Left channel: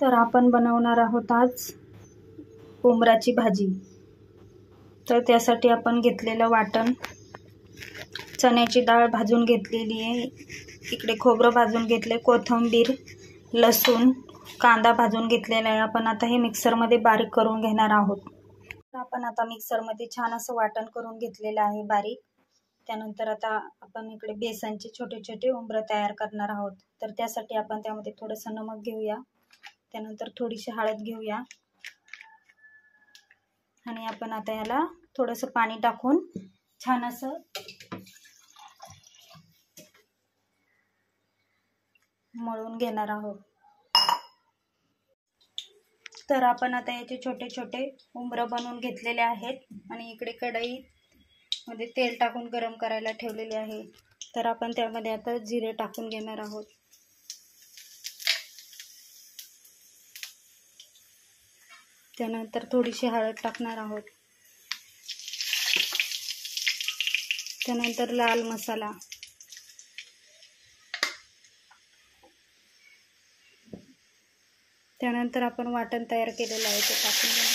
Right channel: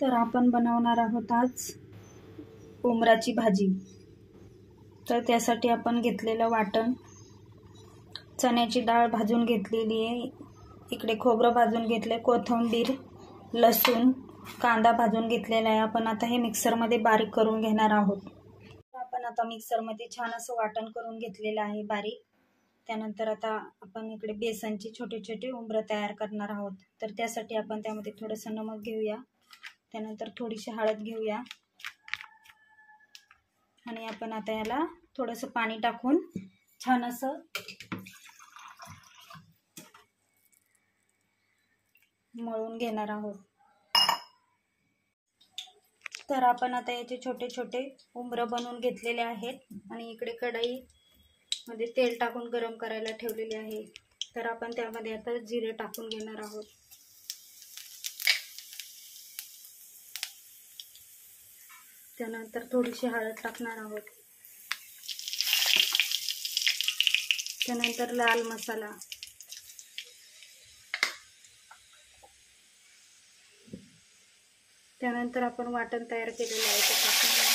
तर आपण बनवणार आहोत आज उमराची भाजी। तर त्यासाठी आपण घेतलेलं वाटण, चण्याची डाळ भाजून घेतलेली आहे, इकडे खोबरं भाजून घेतले, कोथिंबीर, लसूण, कांदा भाजून घेतलेला आहे। आपण आता हे मिक्सरमध्ये बारीक करून घेणार आहोत। आपण आता मिक्सरमध्ये छान असं वाटण करून घेतलेलं आहे बारीक। त्यानंतर आता आपण इकडे बेसनचे छोटे छोटे उंबरं तयार करणार आहोत। तर त्यासाठी आपण त्यामध्ये थोडंसं नमक घेऊया, त्यानंतर थोडीशी हळद घेऊया आणि आपण आता याला थोडंसं पाणी टाकून छान असं मळून घेणार आहोत। तर आपण आता याचे छोटे छोटे उंबरं बनवून घेतलेले आहेत आणि इकडे कढईमध्ये तेल टाकून गरम करायला ठेवलेले आहे। तर आपण त्यामध्ये आता जिरे टाकून घेणार आहोत। त्यानंतर थोडीशी हळद टाकणार आहोत, त्यानंतर लाल मसाला, त्यानंतर आपण वाटण तयार केलेलं आहे ते टाकून घेऊ।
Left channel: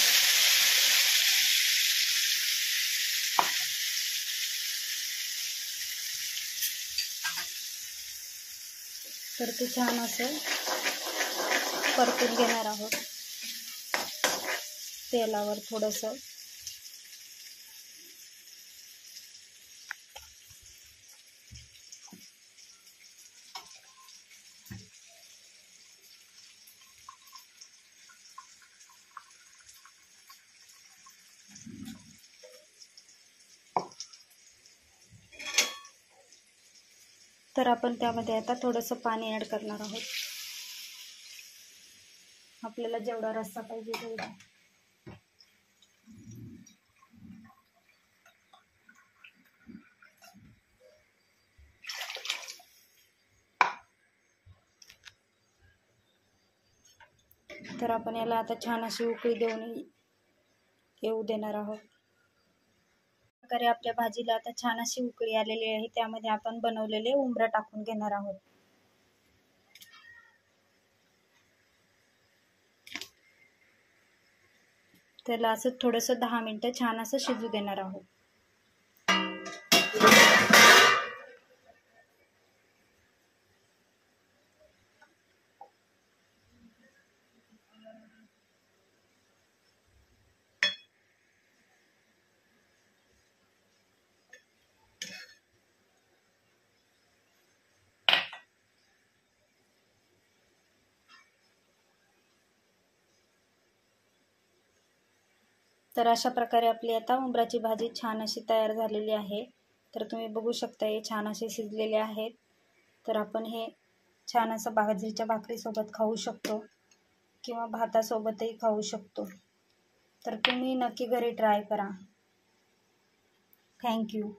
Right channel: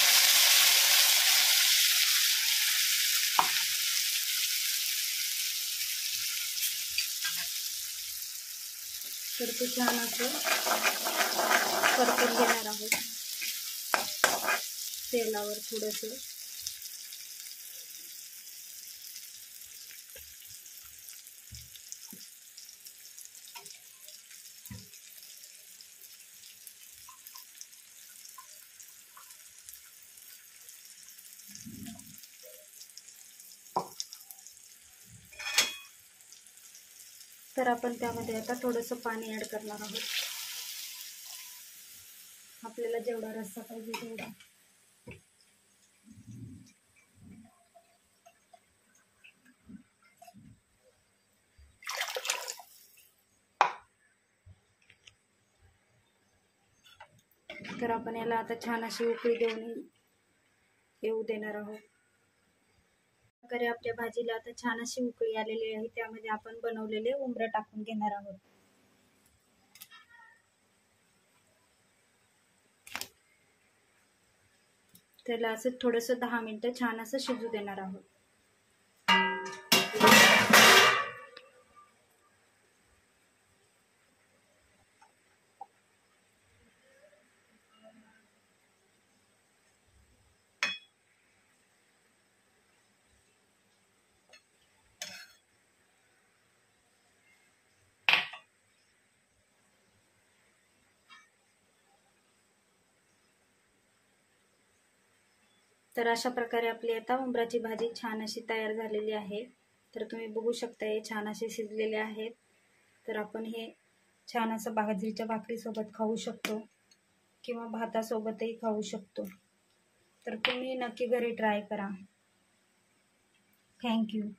तर ते छान असं परतून घेणार आहोत तेलावर थोडंसं। तर आपण त्यामध्ये आता थोडंसं पाणी ॲड करणार आहोत, आपल्याला जेवढा रस्सा पाहिजे तेवढा। तर आपण याला आता छान अशी उकळी देऊन येऊ देणार आहोत। प्रकारे आपल्या भाजीला आता छान अशी उकळी आलेली आहे, त्यामध्ये आपण बनवलेले उंबरं टाकून घेणार आहोत। त्याला असं थोडंसं 10 मिनिटं छान असं शिजू देणार आहोत। तर अशा प्रकारे आपली आता उंबराची भाजी छान अशी तयार झालेली आहे। तर तुम्ही बघू शकता हे छान असे शिजलेले आहेत। तर आपण हे छान असं बाजरीच्या भाकरीसोबत खाऊ शकतो किंवा भातासोबतही खाऊ शकतो। तर तुम्ही नक्की घरी ट्राय करा। थँक्यू।